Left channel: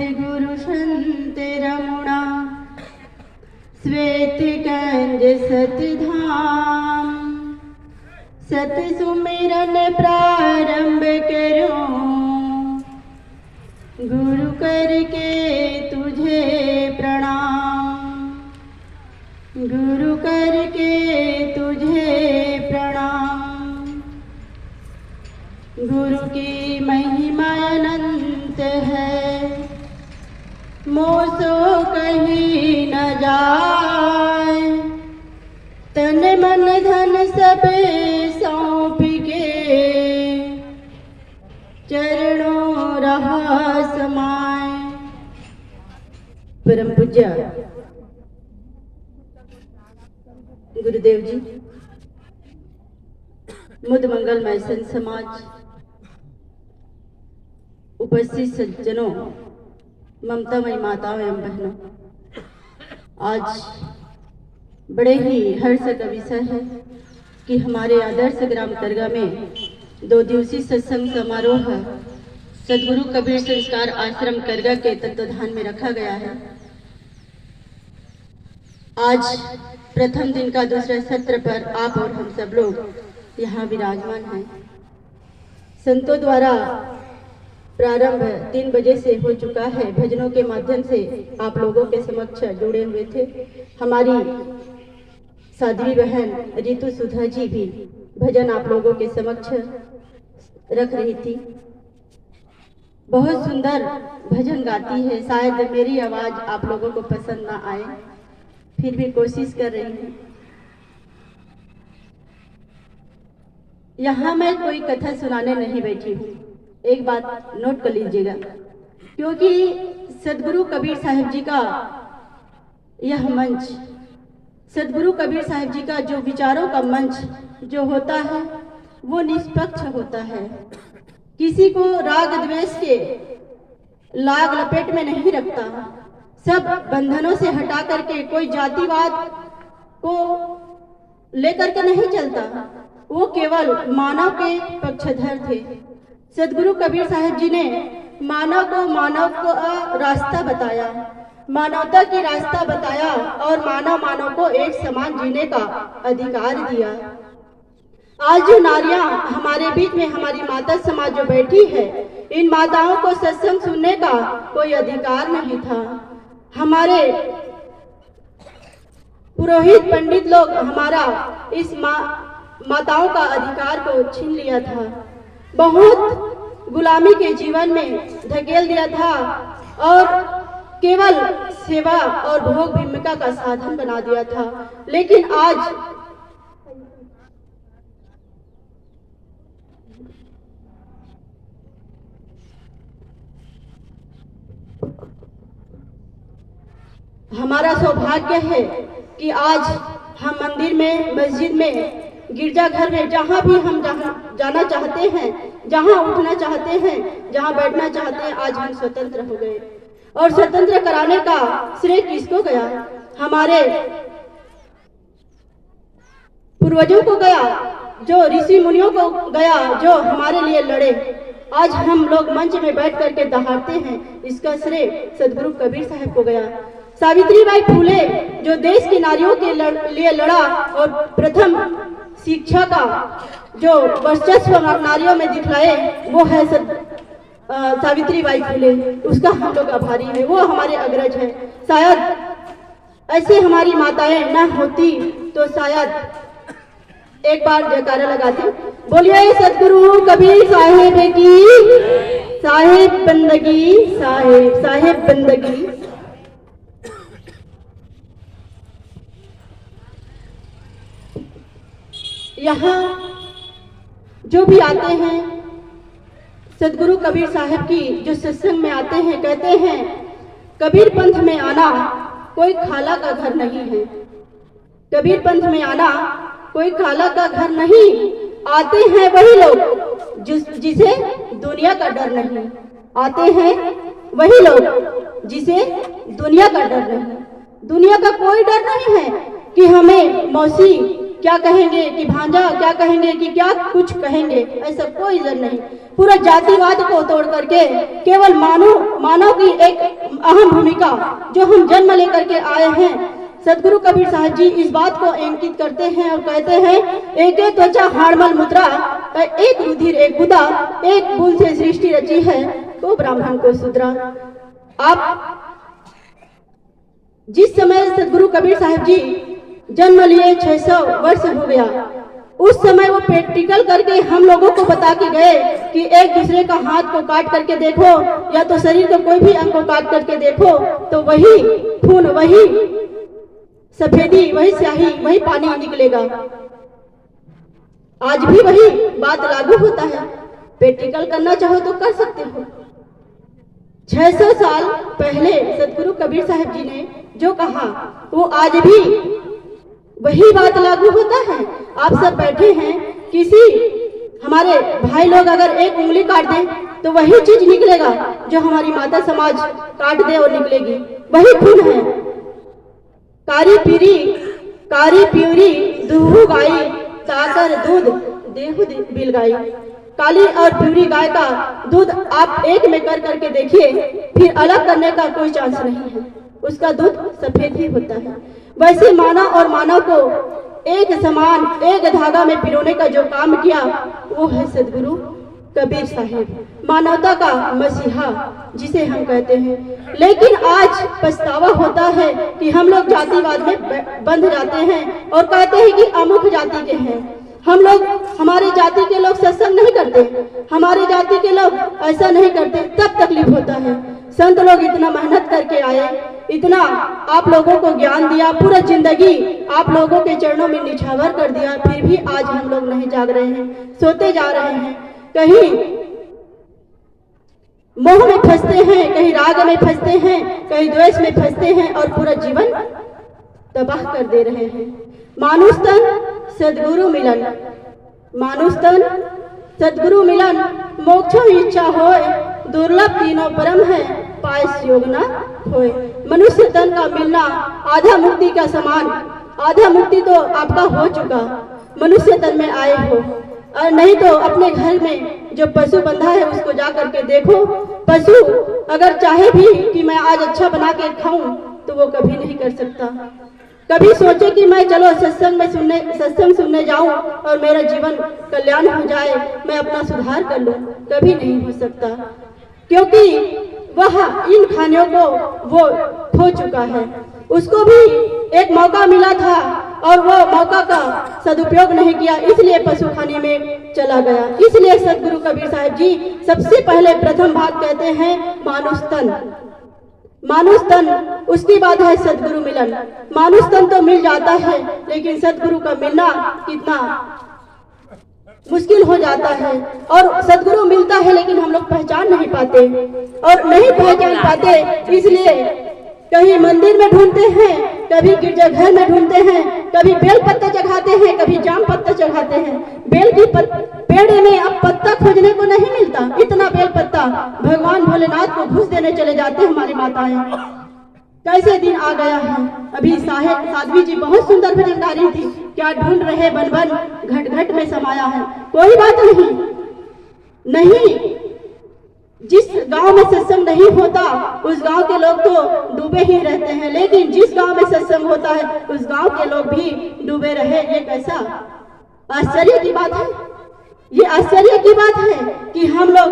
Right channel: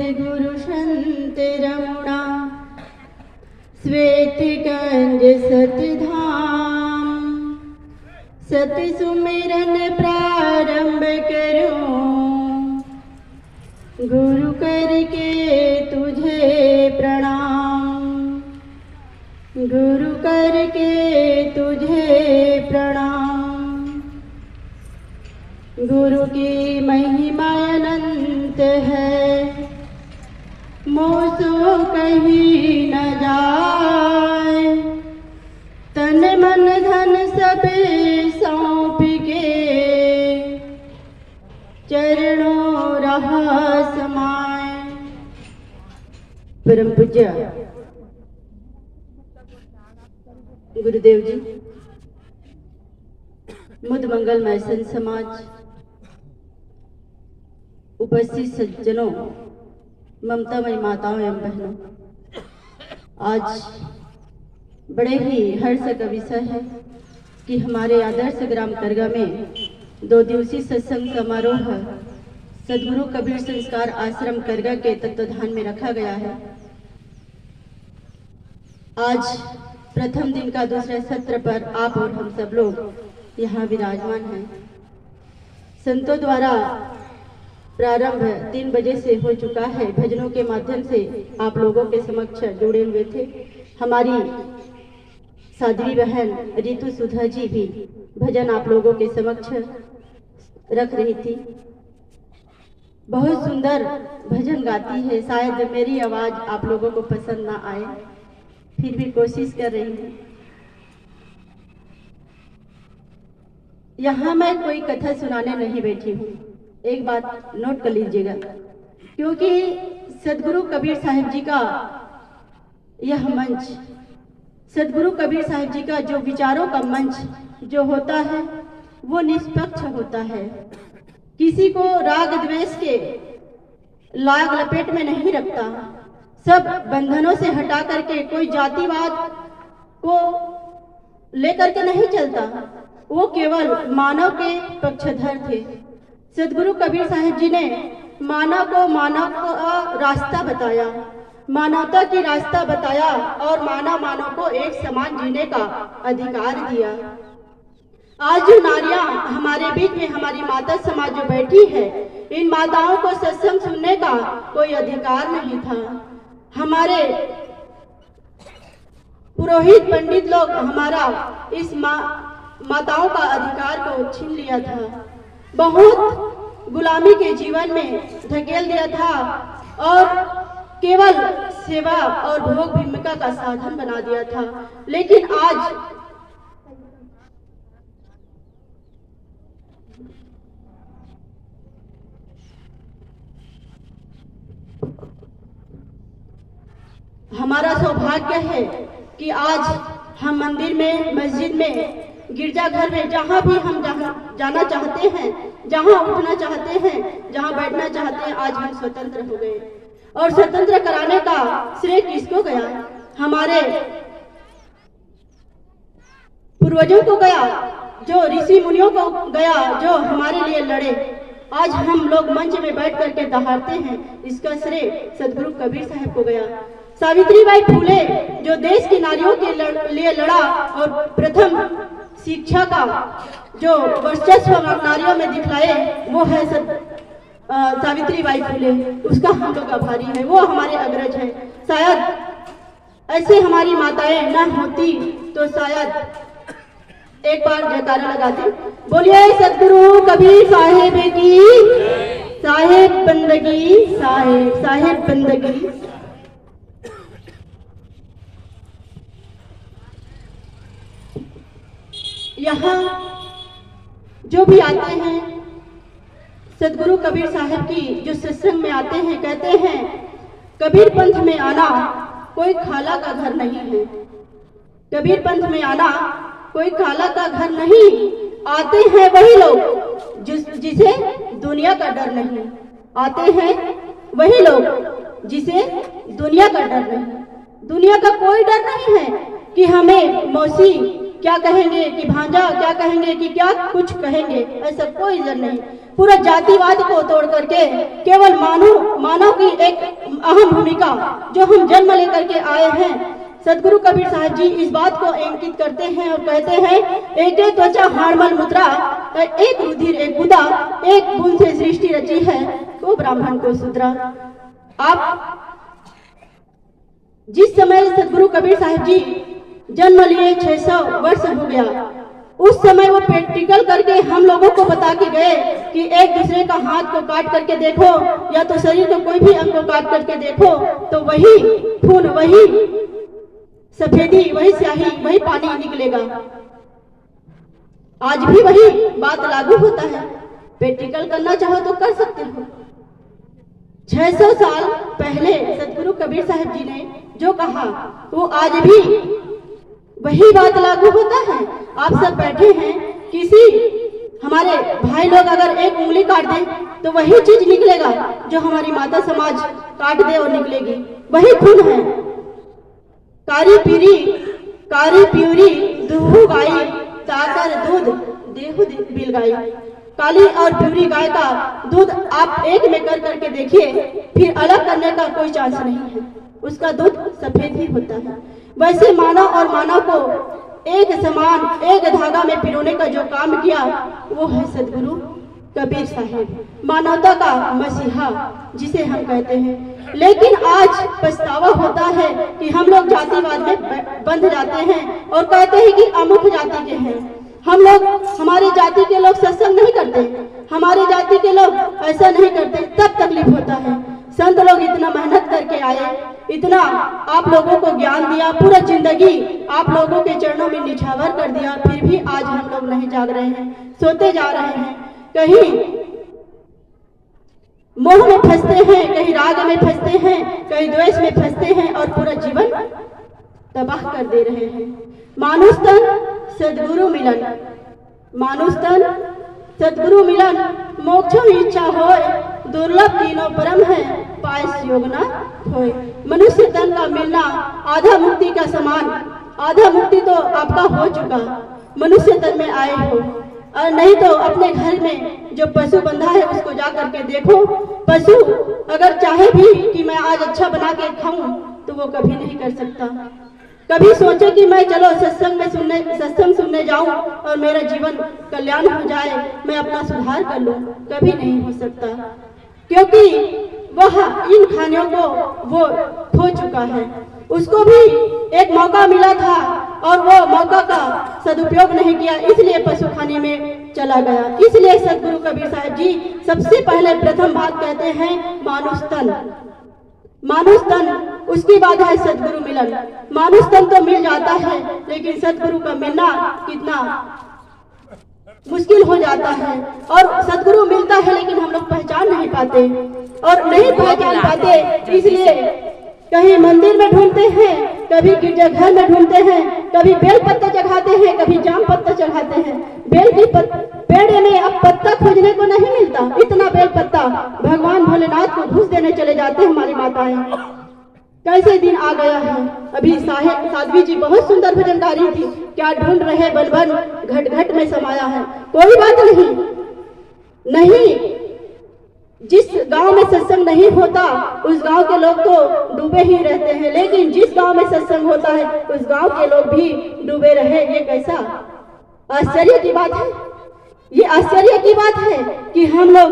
सद्गुरु संत रमुणा श्वेत कंज सतधाम सत सुमिरन प्रारंभ करूं गुरु करके तुझे प्रणाम गुरु करके तुझे प्रणाम। गुरु की महिमा अनंत है मोसो कहीं न जाए तन मन धन सब सौंप के चरणों रहा समाए। परम पूज्य गुरुदेव जी, मुद मंगलमय संत समाज, उपस्थित सज्जनों, ममतामयी माताओं एवं बहनों, आज बड़े ही हर्ष का विषय है कि हमारे आदर्श ग्राम करगा में 2 दिवसीय सत्संग समारोह सद्गुरु कबीर संस्कार आश्रम करगा के तत्वाधान में रखा गया है। आज प्रथम दिन का दूसरा सत्र पर आप और हम सब लोग यहाँ विराजमान हैं। संतों द्वारा प्रारंभ 3 बजे से हो चुका है। भजनों के माध्यम से आप लोगों के समक्ष जुड़े हुए थे। हमारी साध्वी बहन रितु सुधा जी भी भजन आप लोगों के समक्ष रख रही थी। बहुत सुंदर भजन गाती है। शायद मेरी आवाज आप लोगों को पसंद ना आए, फिर भी कोशिश कर रही हूँ। यहाँ मैं कोई कथा सुनाने नहीं बैठी हूँ, एक बात नोट कर लीजिएगा, क्योंकि सद्गुरु कबीर साहिब जी का यह मंच, सद्गुरु कबीर साहिब जी का जो विचारों का मंच जो होता है वो निष्पक्ष होता है। किसी को राग द्वेष के लाग लपेट में नहीं रखता। सब बंधनों से हटा करके कोई जातिवाद को लेकर के नहीं चलता। वो केवल मानव के पक्षधर थे। सद्गुरु कबीर साहिब जी ने मानव को रास्ता बताया, मानवता की रास्ता बताया और मानव को एक समान जीने का अधिकार दिया। आज जो नारियां हमारे बीच में, हमारी माता समाज जो बैठी है, इन माताओं को सत्संग सुनने का कोई अधिकार नहीं था। हमारे पुरोहित पंडित लोग हमारा इस माताओं का अधिकार को छीन लिया था। बहुत गुलामी के जीवन में धकेल दिया था और केवल सेवा और भोग भीमिका का साधन बना दिया था। लेकिन आज हमारा सौभाग्य है कि आज हम मंदिर में, मस्जिद में, गिरजाघर में, जहाँ भी हम जाना चाहते हैं, जहाँ उठना चाहते हैं, जहाँ बैठना चाहते हैं, आज हम स्वतंत्र हो गए। और स्वतंत्र कराने का श्रेय किसको गया? हमारे पूर्वजों को गया, जो ऋषि मुनियों को गया, जो हमारे लिए लड़े। आज हम लोग मंच में बैठ करके दहाड़ते हैं, इसका श्रेय सद्गुरु कबीर साहब को गया। सावित्रीबाई फूले जो देश की नारियों के लिए लड़ा और प्रथम शिक्षा का जो वर्चस्व नारियों में दिखलाए, वो है सावित्रीबाई फूले। उसका हम लोग आभारी है, वो हमारे अग्रज है। शायद ऐसे हमारी माताएं न होती तो शायद एक बार जयकारा लगाते, बोलिए सद्गुरु कबीर साहिब की, साहिब बंदगी, साहिब बंदगी। यहाँ जो भी आते हैं सद्गुरु कबीर साहब की जो सत्संग में आते हैं, कहते हैं कबीर पंथ में आना कोई खाला का घर नहीं है। कबीर पंथ में आना कोई खाला का घर नहीं। आते हैं वही लोग जिसे दुनिया का डर नहीं। आते हैं वही लोग जिसे दुनिया का डर नहीं। दुनिया का कोई डर नहीं है कि हमें मौसी क्या कहेंगे, कि भांजा क्या कहेंगे, कि क्या कुछ कहेंगे, ऐसा कोई डर नहीं। पूरा जातिवाद को तोड़ करके केवल मानव की एक अहम भूमिका जो हम जन्म लेकर के आए हैं, सदगुरु कबीर साहब जी इस बात को अंकित करते हैं और कहते हैं, एक त्वचा हाड़मल मुद्रा, एक रुधिर एक गुदा, एक बूंद से सृष्टि रची है, तो ब्राह्मण को शूद्रा। आप जिस समय सदगुरु कबीर साहब जी जन्म लिए 600 वर्ष हो गया, उस समय वो प्रैक्टिकल करके हम लोगों को बता के गए कि एक दूसरे का हाथ को काट करके देखो या तो शरीर का कोई भी अंग को काट करके देखो तो वही खून, वही सफेदी, वही स्याही, वही पानी निकलेगा। आज भी वही बात लागू होता है। प्रैक्टिकल करना चाहो तो कर सकते हो। 600 साल पहले सदगुरु कबीर साहब जी ने जो कहा वो आज भी वही बात लागू होता है। आप सब बैठे हैं, किसी हमारे भाई लोग अगर एक उंगली काट दे तो वही चीज निकलेगा जो हमारी माता समाज काट दे और निकलेगी, वही खून है। कारी प्यूरी दूहु गाई, ताकर दूध देहु बिल गाई। काली और प्यूरी गाय का दूध आप एक में कर करके देखिए, फिर अलग करने का कोई चांस नहीं है, उसका दूध सफेद ही होता है। वैसे मानव और मानव को एक समान एक धागा में पिरोने का जो काम किया वो है सदगुरु कबीर साहिब, मानवता का मसीहा जिसे हम कहते हैं। लेकिन आज पछतावा होता है कि हम लोग जातिवाद में बंध जाते हैं और कहते हैं कि अमुक जाति के हैं हम लोग, हमारे जाति के लोग सत्संग नहीं करते, हमारे जाति के लोग ऐसा नहीं करते, तब तकलीफ होता है। संत लोग इतना मेहनत करके आए, इतना आप लोगों को ज्ञान दिया, पूरा जिंदगी आप लोगों के चरणों में निछावर कर दिया, फिर भी आज हम लोग नहीं जाग रहे हैं, सोते जा रहे हैं, कहीं मोह में फंसते हैं, कहीं राग में फंसते हैं, कहीं द्वेष में फंसते हैं और पूरा जीवन तबाह कर दे रहे हैं। मानुष तन सदगुरु मिलन, मानुष तन सदगुरु मिलन, मोक्षो इच्छा होय, दुर्लभ तीनों परम है, पायस योग न होय। मनुष्य तन का मिलना आधा मुक्ति का समान, आधा मुक्ति तो आपका हो चुका, मनुष्य तन में आए हो, और नहीं तो अपने घर में जो पशु बंधा है उसको जा करके देखो। पशु अगर चाहे भी कि मैं आज अच्छा बना के खाऊं तो वो कभी नहीं कर सकता। कभी सोचे कि मैं चलो सत्संग सुनने जाऊं और मेरा जीवन कल्याण हो जाए, मैं अपना सुधार कर लूं, कभी नहीं हो सकता, क्योंकि वह इन खानियों को वो खो चुका है। उसको भी एक मौका मिला था और वो मौका का सदुपयोग नहीं किया, इसलिए पशु खाने में चला गया। इसलिए सदगुरु कबीर साहब जी सबसे पहले प्रथम बात कहते हैं मानुष तन, मानुष तन, उसकी बात है सदगुरु मिलन। मानुष तन तो मिल जाता है लेकिन सदगुरु का मिलना कितना मुश्किल हो जाता है, और सदगुरु मिलता है लेकिन हम लोग पहचान नहीं पाते, और नहीं पहचान पाते इसलिए कहीं मंदिर में ढूंढते हैं, कभी गिरजाघर में ढूंढते हैं, कभी बेल पत्ता चढ़ाते हैं, कभी जाम पत्ता चढ़ाते हैं। बेल की पेड़ में अब पत्ता खोजने को नहीं मिलता, इतना बेल पत्ता भगवान भोलेनाथ को घूस देने चले जाते हैं हमारी माताएं। कैसे दिन आ गया है। अभी साध्वी जी बहुत सुंदर भजन गा रही थी, क्या ढूंढ रहे बन बन घट घट में समाया है। कोई बात नहीं, जिस गांव में सत्संग नहीं होता उस गांव के लोग तो डूबे ही रहते हैं, लेकिन जिस गांव में सत्संग होता है उस गांव के लोग भी डूबे रहे। ये कैसा आश्चर्य की बात है, ये आश्चर्य की बात है कि हम लोग,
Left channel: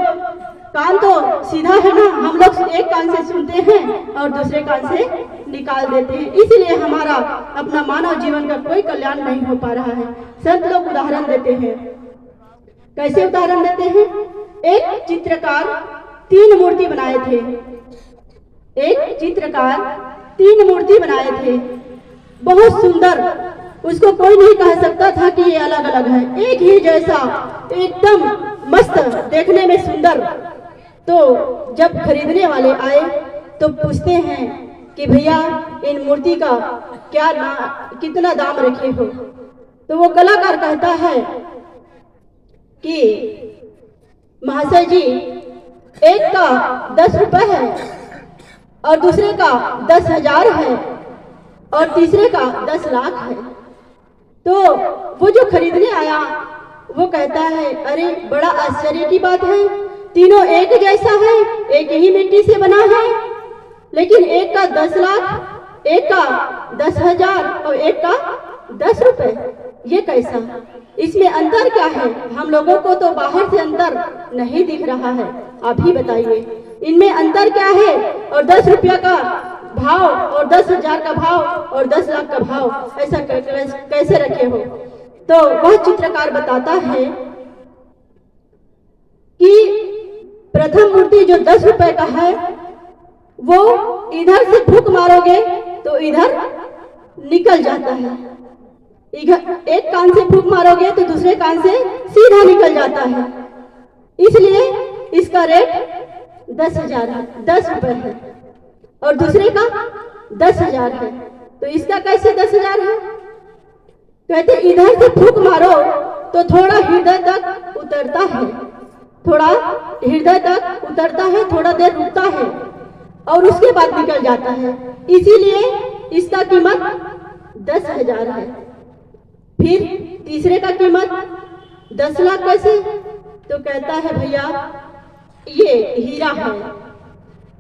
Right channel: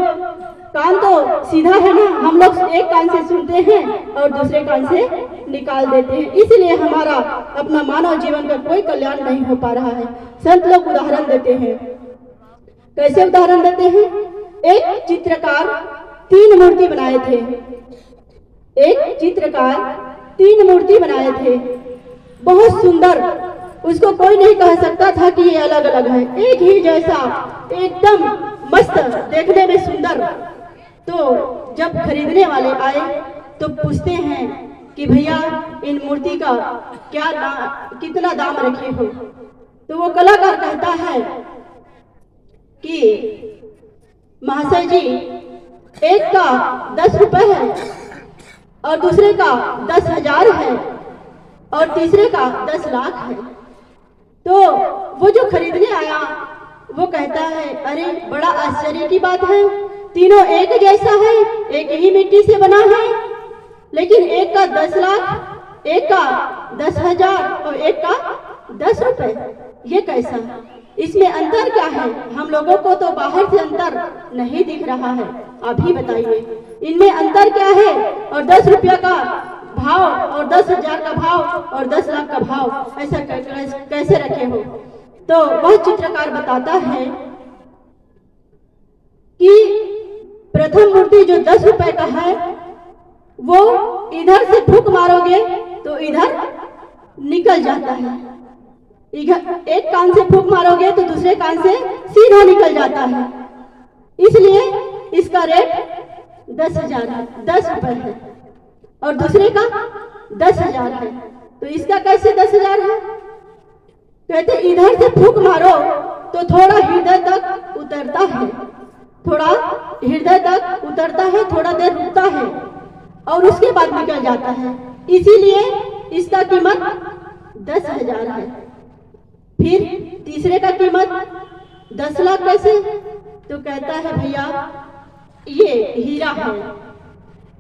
कान तो सीधा है ना, हम लोग एक कान से सुनते हैं और दूसरे कान से निकाल देते हैं, इसलिए हमारा अपना मानव जीवन का कोई कल्याण नहीं हो पा रहा है। संत लोग उदाहरण देते हैं, कैसे उदाहरण देते हैं। एक चित्रकार 3 मूर्ति बनाए थे, एक चित्रकार 3 मूर्ति बनाए थे, बहुत सुंदर, उसको कोई नहीं कह सकता था कि ये अलग अलग है, एक ही जैसा, एकदम मस्त, देखने में सुंदर। तो जब खरीदने वाले आए तो पूछते हैं कि भैया इन मूर्ति का कितना दाम रखे हो। तो वो कलाकार कहता है कि महाशय जी, एक का 10 रुपए है और दूसरे का 10,000 है और तीसरे का 10 लाख है। तो वो जो खरीदने आया वो कहता है, अरे बड़ा आश्चर्य की बात है, तीनों एक जैसा है, एक ही मिट्टी से बना है, लेकिन एक का 10 लाख, एक का 10,000 और एक का 10 रुपए। ये कैसा? इसमें अंतर क्या है? हम लोगों को तो बाहर से अंतर नहीं दिख रहा है, आप ही बताइए इनमें अंतर क्या है? और 10 रुपया का भाव और 10,000 का भाव और 10 लाख का भाव ऐसा कैसे रखे हो? तो वह चित्रकार बताता है कि प्रथम मूर्ति जो 10 रुपए का है, वो इधर से फूंक मारोगे तो इधर निकल जाता है, एक कान से फूंक मारोगे तो दूसरे कान से सीधा निकल जाता है, इसलिए इसका रेट 10,000 है, 10 रुपए है, और दूसरे का 10,000 है। तो इसका कैसे 10,000 है? कहते इधर से फूंक मारो तो थोड़ा हृदय तक उतरता है, थोड़ा हृदय तक उतरता है, थोड़ा देर रुकता है और उसके बाद निकल जाता है, इसीलिए इसका कीमत 10,000 है। फिर तीसरे का कीमत 10 लाख कैसे? तो कहता है भैया ये हीरा है,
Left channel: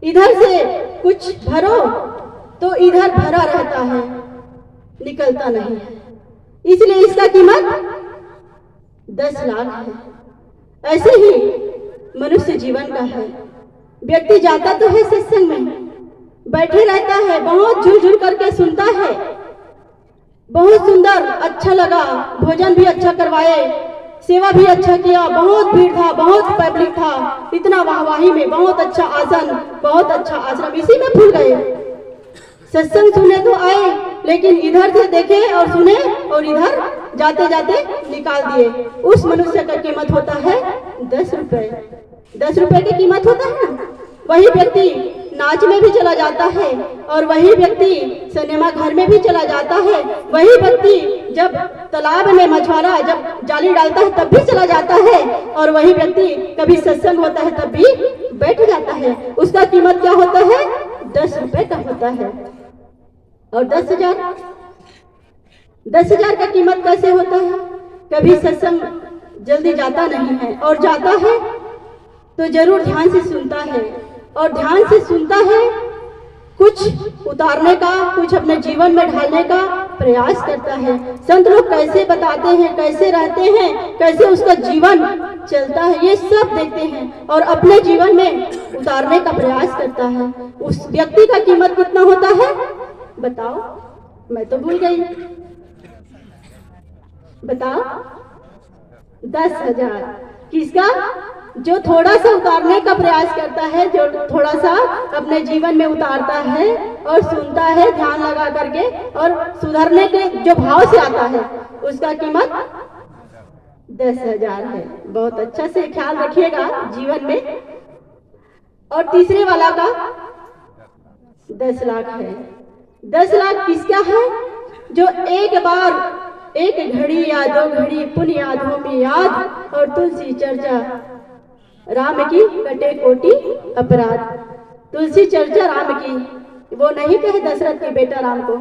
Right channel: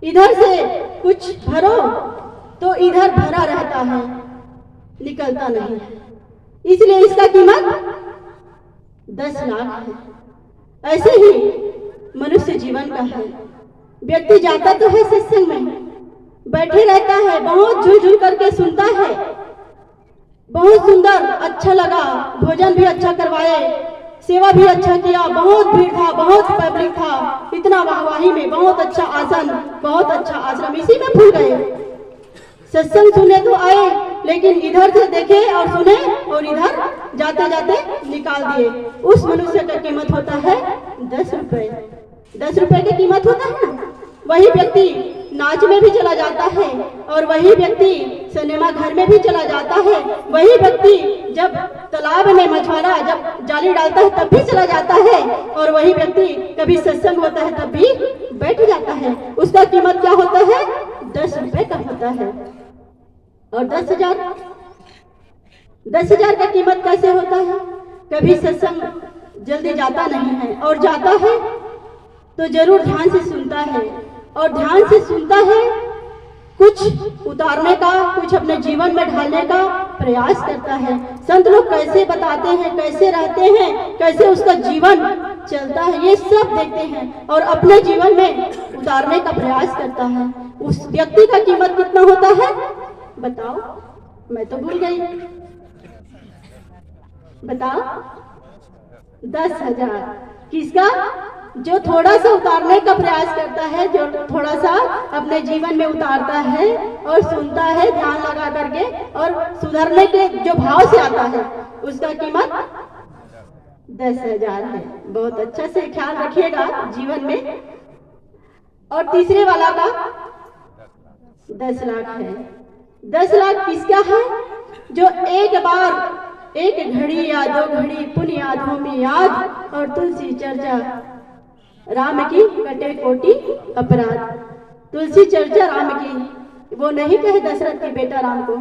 इधर से कुछ भरो तो इधर भरा रहता है, निकलता नहीं है, इसलिए इसका कीमत 10 लाख है। ऐसे ही मनुष्य जीवन का है। व्यक्ति जाता तो है सत्संग में, बैठे रहता है, बहुत झुलझुल करके सुनता है, बहुत सुंदर, अच्छा लगा, भोजन भी अच्छा करवाए, सेवा भी अच्छा किया, बहुत भीड़ था, बहुत पब्लिक था, इतना वाहवाही में, बहुत अच्छा आसन, बहुत अच्छा आश्रम, इसी में भूल गए। सत्संग सुने तो आए, लेकिन इधर से देखे और सुने और इधर जाते जाते निकाल दिए। उस मनुष्य का कीमत होता है 10 रुपए। 10 रुपए की कीमत होता है ना। वही व्यक्ति नाच में भी चला जाता है, और वही व्यक्ति सिनेमा घर में भी चला जाता है, वही व्यक्ति जब तालाब में मछुआरा जब जाली डालता है तब भी चला जाता है, और वही व्यक्ति कभी सत्संग होता है तब भी बैठ जाता है। उसका कीमत क्या होता है? 10 रुपए का होता है। और 10,000 का कीमत कैसे होता है? कभी सत्संग जल्दी जाता नहीं है, और जाता है तो जरूर ध्यान से सुनता है, और ध्यान से सुनता है, कुछ उतारने का, कुछ अपने जीवन में ढालने का प्रयास करता है। संत लोग कैसे बताते हैं, कैसे रहते हैं, कैसे उसका जीवन चलता है, ये सब देखते हैं और अपने जीवन में उतारने का प्रयास करता है। उस व्यक्ति का कीमत कितना होता है बताओ? मैं तो भूल गई, बताओ। 10,000। किसका? जो थोड़ा सा उतारने का प्रयास करता है, जो थोड़ा सा अपने जीवन में उतारता है और सुनता है ध्यान लगा करके, और सुधरने के जो भाव से आता है, उसका कीमत 10,000 है। बहुत अच्छा से ख्याल रखिएगा जीवन में। और तीसरे वाला का 10 लाख है। 10 लाख किसका है? जो एक बार, एक घड़ी या 2 घड़ी पुण्य यादों में याद, और तुलसी चर्चा राम की कटे कोटि अपराध। तुलसी चर्चा राम की, वो नहीं कहे दशरथ के बेटा राम को,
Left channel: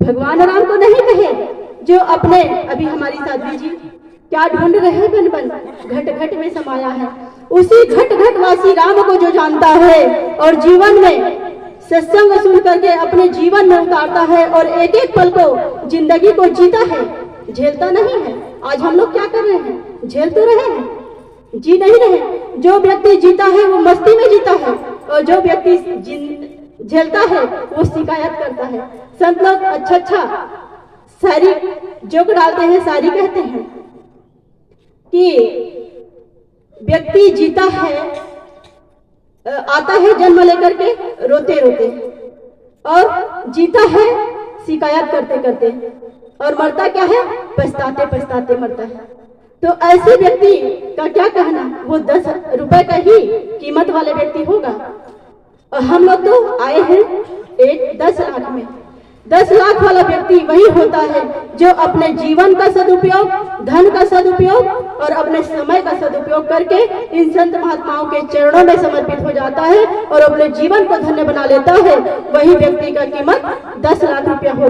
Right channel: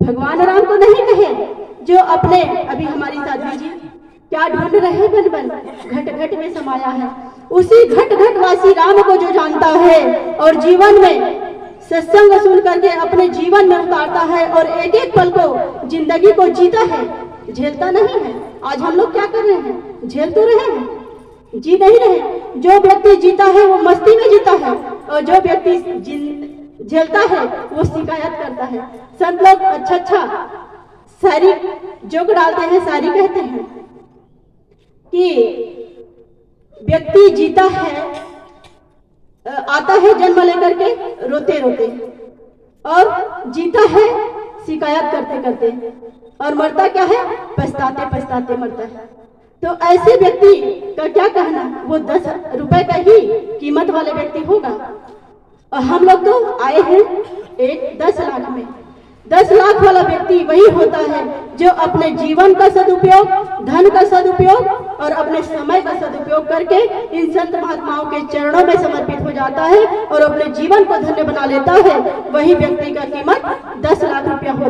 भगवान राम को नहीं कहे, जो अपने, अभी हमारी साध्वी जी क्या ढूंढ रहे बन बन, घट घट में समाया है। उसी घट घट वासी राम को जो जानता है और जीवन में सत्संग सुन करके अपने जीवन में उतारता है और एक एक पल को, जिंदगी को जीता है, झेलता नहीं है। आज हम लोग क्या कर रहे हैं? झेल तो रहे हैं, जी नहीं रहे। जो व्यक्ति जीता है वो मस्ती में जीता है, और जो व्यक्ति झेलता है वो शिकायत करता है। संत लोग अच्छा शायरी जोक डालते हैं, शायरी कहते हैं कि व्यक्ति जीता है, आता है जन्म लेकर के रोते रोते, और जीता है शिकायत करते करते, और मरता क्या है? पछताते पछताते मरता है। तो ऐसे व्यक्ति का क्या कहना? वो 10 रुपए का ही कीमत वाले व्यक्ति होगा। और हम लोग तो आए हैं एक 10 लाख में। 10 लाख वाला व्यक्ति वही होता है जो अपने जीवन का सदुपयोग, धन का सदुपयोग और अपने समय का सदुपयोग करके इन संत महात्माओं के चरणों में समर्पित हो जाता है और अपने जीवन को धन्य बना लेता है। वही व्यक्ति का कीमत 10 लाख रुपया हो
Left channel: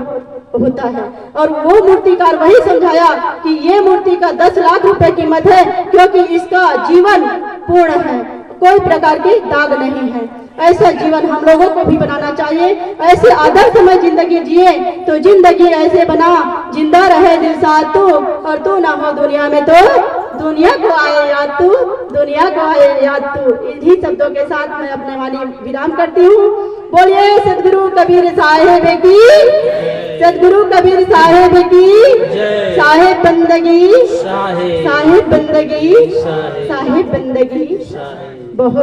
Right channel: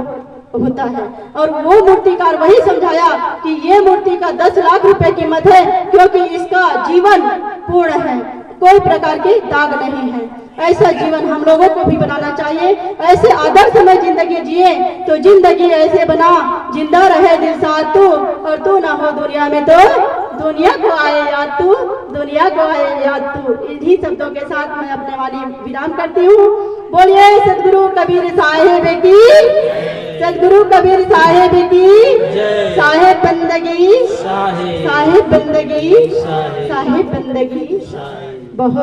होता है। और वो मूर्तिकार वही समझाया कि ये मूर्ति का 10 लाख रुपए कीमत है, क्योंकि इसका जीवन पूर्ण है, कोई प्रकार की दाग नहीं है। ऐसा जीवन हम लोगों को भी बनाना चाहिए। ऐसे आदर्श में जिंदगी जिए तो जिंदगी ऐसे बना, जिंदा रहे दिल साथ तू, और तू ना हो दुनिया में तो दुनिया को आए याद तू, दुनिया को आए याद तू। इन्हीं शब्दों के साथ मैं अपने वाणी विराम करती हूँ। बोलिए सदगुरु कबीर साहेब की, सदगुरु कबीर साहेब की, साहेब बंदगी, साहेब बंदगी, साहेब बंदगी। बहुत